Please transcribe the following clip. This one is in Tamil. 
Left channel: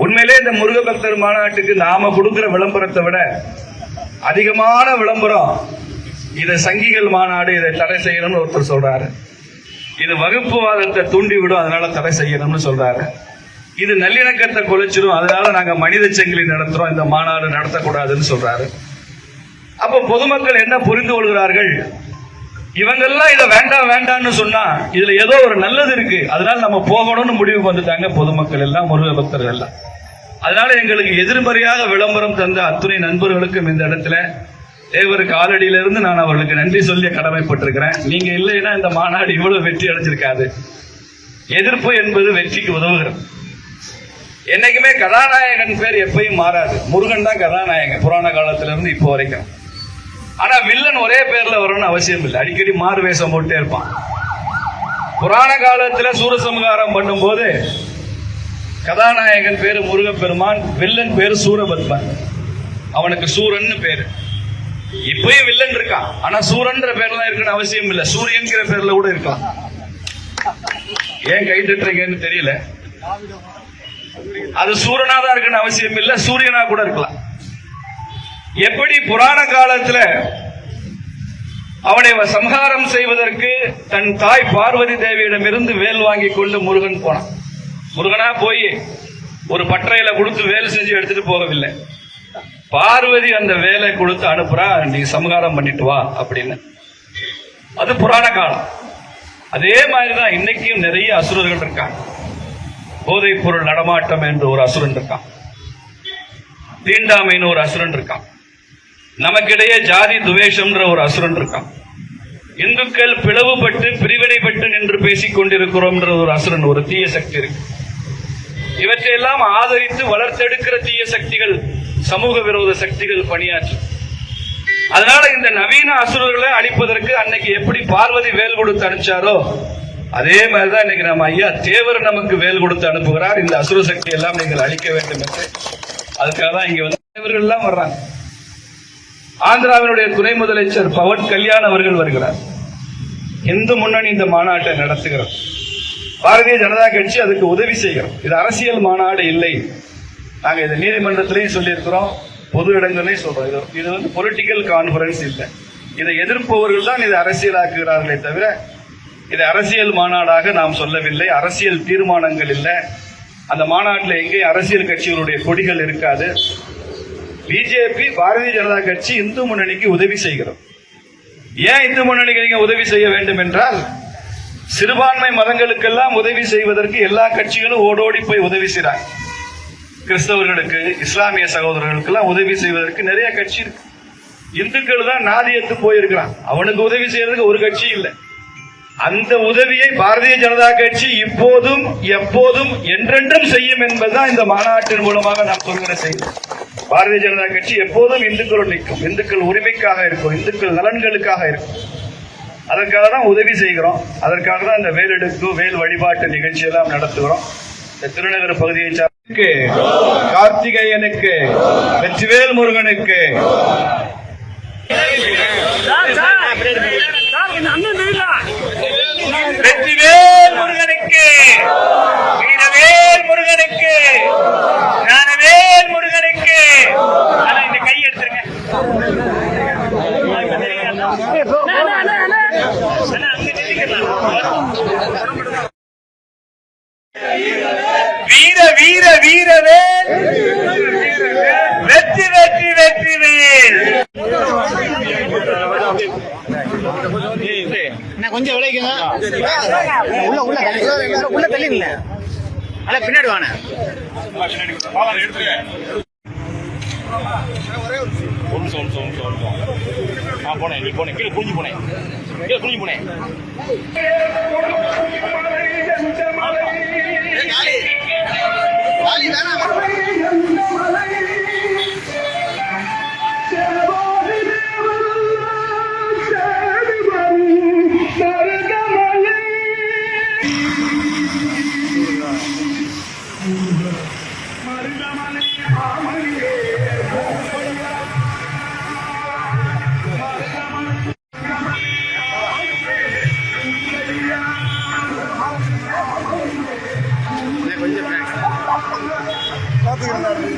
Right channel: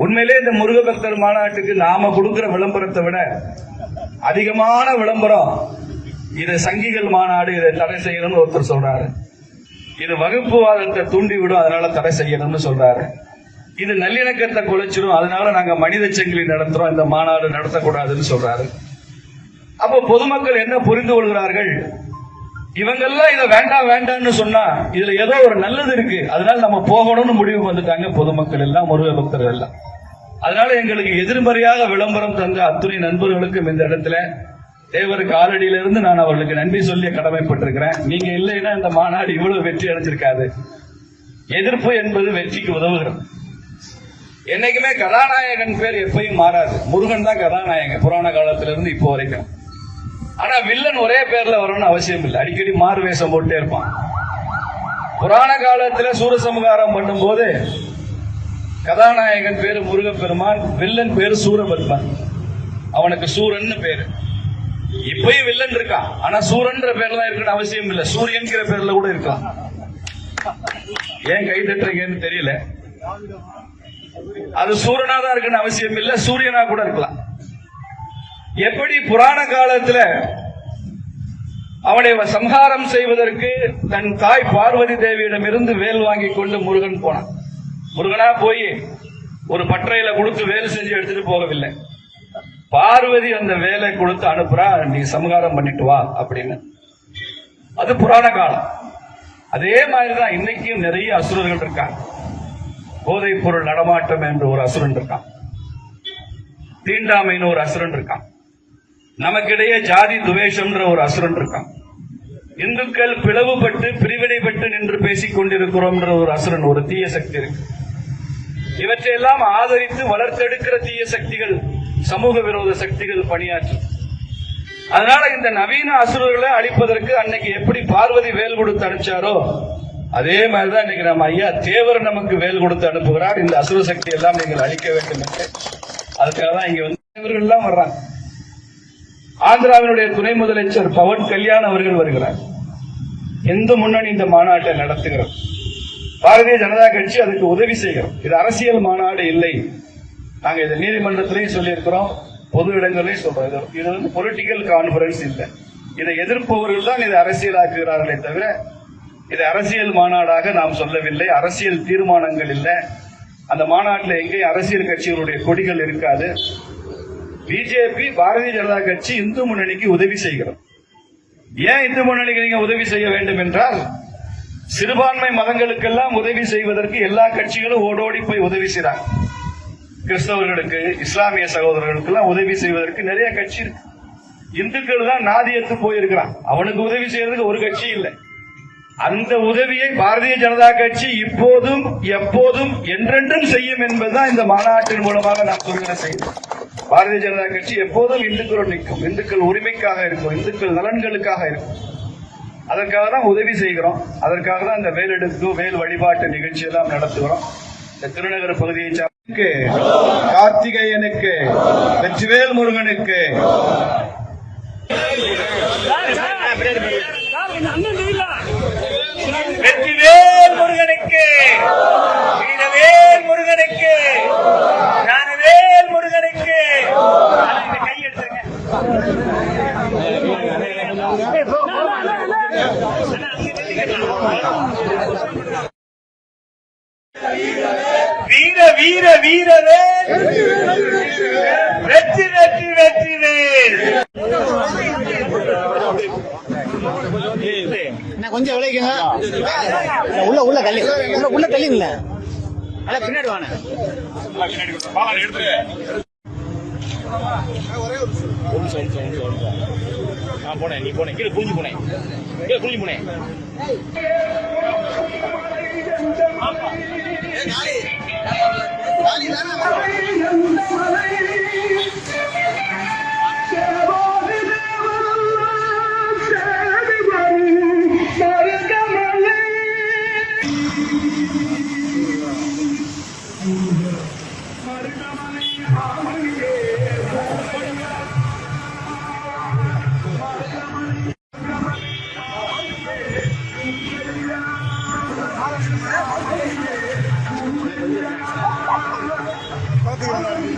உண்மையிலே இந்த முருக பக்தர் மாநாட்டுக்கு நாம கொடுக்கிற விளம்பரத்தை விட அதிகமான விளம்பரம் இதை சங்கிகள் மாநாடு இதை தடை செய்யணும்னு ஒருத்தர் சொல்றாரு. இது வகுப்புவாதத்தை தூண்டிவிடும் அதனால தடை செய்யணும்னு சொல்றாரு. இது நல்லிணக்கத்தை குலைச்சிடும் அதனால நாங்க மனித சங்கிலி நடத்துறோம் இந்த மாநாடு நடத்தக்கூடாதுன்னு சொல்றாரு. அப்போ பொதுமக்கள் என்ன புரிந்து கொள்கிறார்கள்? இவங்கெல்லாம் இதை வேண்டாம் வேண்டாம்னு சொன்னா இதுல ஏதோ ஒரு நல்லது இருக்கு. அதனால நம்ம போகணும்னு முடிவுக்கு வந்துட்டாங்க பொதுமக்கள் எல்லாம் முருக பக்தர்கள் எல்லாம். அதனால எங்களுக்கு எதிர்மறையாக விளம்பரம் தந்த அத்துணை நண்பர்களுக்கும் இந்த இடத்துல தேவர் காலடியிலிருந்து நான் அவர்களுக்கு நன்றி சொல்லி கடமைப்பட்டிருக்கிறேன். நீங்க இல்லைன்னா இந்த மாநாடு இவ்வளவு வெற்றி அடைஞ்சிருக்காது. எதிர்ப்பு என்பது வெற்றிக்கு உதவுகிறது. என்னைக்குமே கதாநாயகன் பேர் எப்பயும் மாறாது. முருகன் தான் கதாநாயகன். புராண காலத்திலிருந்து இப்போ வரைக்கும். ஆனா வில்லன் ஒரே பேர்ல வரும்னு அவசியம் இல்லை. அடிக்கடி மாறு வேஷம் போட்டே இருப்பான். புராண காலத்துல சூரசம்ஹாரம் பண்ணும்போது கதாநாயகன் பேரு முருகப்பெருமான் வில்லன் பேரு சூரபத்மன். அவனுக்கு சூரன்னு பேரு. இப்பயும் வில்லன் இருக்கான். ஆனா சூரன்ற பேர்ல இருக்குன்னு அவசியம் இல்லை. சூரியன்கிற பேர்ல கூட இருக்கான். ஏன் கை தட்டுறீங்கன்னு தெரியல. அது சூரனா தான் இருக்குன்னு அவசியம் இல்லை. சூரியனா கூட இருக்கலாம். எப்படி புராண காலத்துல அவனை சம்ஹாரம் செய்வதற்கு தன் தாய் பார்வதி தேவியிடமிருந்து வேல் வாங்கி கொண்டு முருகன் போனான். முருகனா போய் ஒரு பற்றையில கொடுத்து வேலை செஞ்சு எடுத்துட்டு போகவில்லை. பார்வதி அந்த வேலை கொடுத்து அனுப்புறா நீ சமகாரம் பண்ணிட்டு வா அப்படின்னு. அது புராண காலம். அதே மாதிரிதான் இன்னைக்கும் நிறைய அசுரர்கள் இருக்காங்க. போதைப் பொருள் நடமாட்டம் என்று ஒரு அசுரன் இருக்கான். தீண்டாமைன்னு ஒரு அசுரன் இருக்கான். நமக்கிடையே ஜாதி துவேஷம்ன்ற ஒரு அசுரன் இருக்கான். இந்துக்கள் பிளவுபட்டு பிரிவினைப்பட்டு நின்று பேசிக் கொண்டிருக்கிறோம்ன்ற ஒரு அசுரன் ஒரு தீய சக்தி இருக்கு. இவற்றையெல்லாம் ஆதரித்து வளர்த்தெடுக்கிற தீய சக்திகள் சமூக விரோத சக்திகள் பணியாற்று. அதனால இந்த நவீன அசுரர்களை அழிப்பதற்கு அன்னைக்கு எப்படி பார்வதி வேல் கொடுத்து அனுப்பிச்சாரோ அதே மாதிரிதான் இன்னைக்கு நம்ம ஐயா தேவர் நமக்கு வேல் கொடுத்து அனுப்புகிறார். இந்த அசுர சக்தி எல்லாம் நீங்கள் அழிக்க வேண்டும் என்று. அதுக்காக தான் இங்க வந்து தேவர்கள் எல்லாம் வர்றாங்க. ஆந்திராவினுடைய துணை முதலமைச்சர் பவன் கல்யாண் அவர்கள் வருகிறார். இந்து முன்னணி இந்த மாநாட்டை நடத்துகிறோம். பாரதிய ஜனதா கட்சி அதுக்கு உதவி செய்கிறோம். இது அரசியல் மாநாடு இல்லை. நாங்கள் இதை நீதிமன்றத்திலையும் சொல்லியிருக்கிறோம். பொது இடங்களையும் சொல்றோம். இது இது வந்து பொலிட்டிக்கல் கான்ஃபரன்ஸ் இல்லை. இதை எதிர்ப்பவர்கள் தான் இதை அரசியலாக்குகிறார்களே தவிர இது அரசியல் மாநாடாக நாம் சொல்லவில்லை. அரசியல் தீர்மானங்கள் இல்லை. அந்த மாநாட்டில் எங்கேயும் அரசியல் கட்சிகளுடைய கொடிகள் இருக்காது. பிஜேபி பாரதிய ஜனதா கட்சி இந்து முன்னணிக்கு உதவி செய்கிறோம். ஏன் இந்து முன்னணிக்கு நீங்க உதவி செய்ய வேண்டும் என்றால் சிறுபான்மை மதங்களுக்கெல்லாம் உதவி செய்வதற்கு எல்லா கட்சிகளும் ஓடோடி போய் உதவி செய்றாங்க. கிறிஸ்தவர்களுக்கு இஸ்லாமிய சகோதரர்களுக்கெல்லாம் உதவி செய்வதற்கு நிறைய கட்சி இருக்கு. இந்துக்கள் தான் நாதியத்து போயிருக்கிறான் அவனுக்கு உதவி செய்யறதுக்கு ஒரு கட்சி இல்லை. அந்த உதவியை பாரதிய ஜனதா கட்சி இப்போதும் எப்போதும் என்றென்றும் செய்யும் என்பதுதான் இந்த மாநாட்டின் மூலமாக நான் சொல்கிற செய்தி பாரதிய ஜனதா கட்சி எப்போதும் இந்துக்களோடு நிற்கும். இந்துக்கள் உரிமைக்காக இருக்கும். இந்துக்கள் நலன்களுக்காக இருக்கும். அதற்காக தான் உதவி செய்கிறோம். அதற்காக தான் இந்த வேலெடுப்பு வேல் வழிபாட்டு நிகழ்ச்சி எல்லாம் நடத்துகிறோம். இந்த திருநகர் பகுதியை கார்த்திகேயனுக்கு வெற்றிவேல் முருகனுக்கு சார் சார் சார் கொஞ்சம் அண்ணன் தெரியல வெற்றிவேல் முருகனுக்கு வீரவேல் முருகனுக்கு ஞானவேல் முருகனுக்கு ஆனா இந்த கை எடுத்துருங்க அண்ணா, அண்ணா, அண்ணா, அண்ணா. வீர வீர வீரவே வெற்றி வெற்றி வெற்றி வேல் கொஞ்சம் விளைக்குங்க உள்ள உள்ள தள்ளி. உள்ள உள்ள தள்ளி இல்ல அண்ணா பின்னாடி வாண்ணே போனேன் நீ போனேன். கீழே குஞ்சு போனேன். கீழே குஞ்சு போனேன். கொஞ்சம்